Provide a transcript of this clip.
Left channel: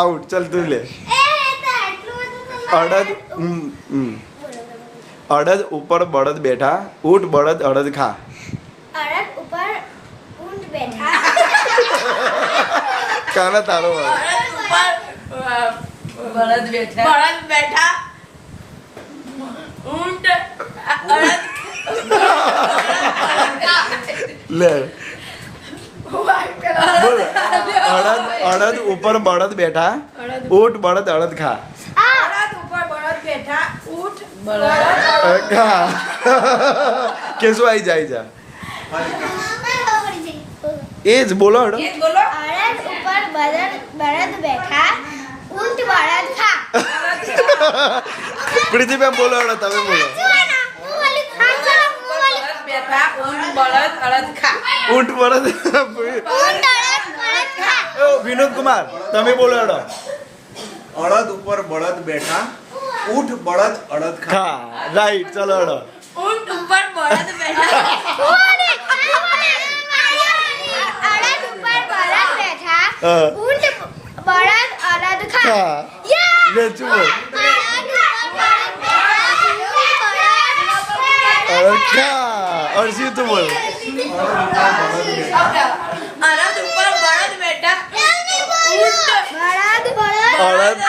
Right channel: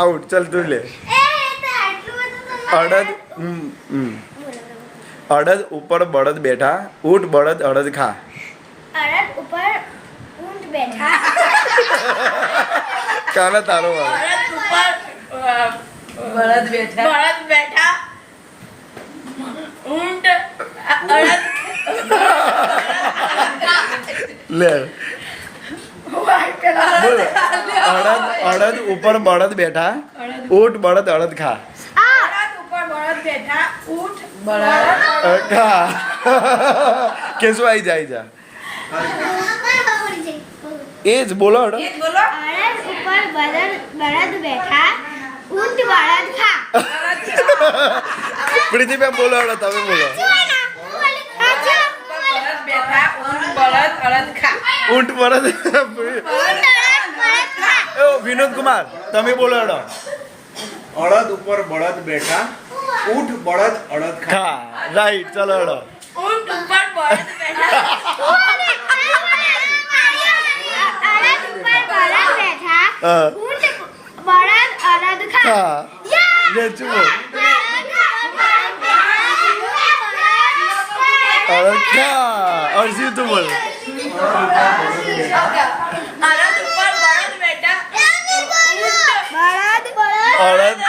Out. ચલ તું લે. અડદ અડદ ઉપર બળદ બેઠા, ઊંટ બળદ અડદ ખા. અડદ ઉપર ઊંટ બેઠા. કાના તારો વાળ. અડદ ઉપર બળદ બેઠા. બળદ બેઠા. ઊંટ અડદ લે બોલ. અડદ ઉપર બળદ બેઠા, ઊંટ બળદ અડદ ખા. અડદ ઉપર બળદ બેઠા. ઊંટ બળદ ખા. કેશું આવી જાય જા. એ જ બોલો હડો. એ જ બોલો. અડદ ઉપર બળદ બેઠા, ઊંટ બળદ ખા. પ્રીતિબેન બોલો હડો, તમે બોલો. બળદ બેઠા. ઊંટ બળદ અડદ ખા. ઊંટ બળદ. ઊંટ અડદ બળદ ખા. ઓ વિનોદ કુમાર તમે બોલો હડો. અડદ ઉપર બળદ બેઠા, ઊંટ બળદ અડદ ખા. ખા. રાઈટ. ચલો હડો. ઊંટ ઉપર બળદ બેઠા. અડદ ઉપર બળદ બેઠા, હા. ઊંટ બળદ અડદ ખા. ખા. લે ચુપ બોલ. અડદ ખા. અર્ષિત તું બોલ. અડદ ઉપર બળદ બેઠા. ઊંટ બળદ અડદ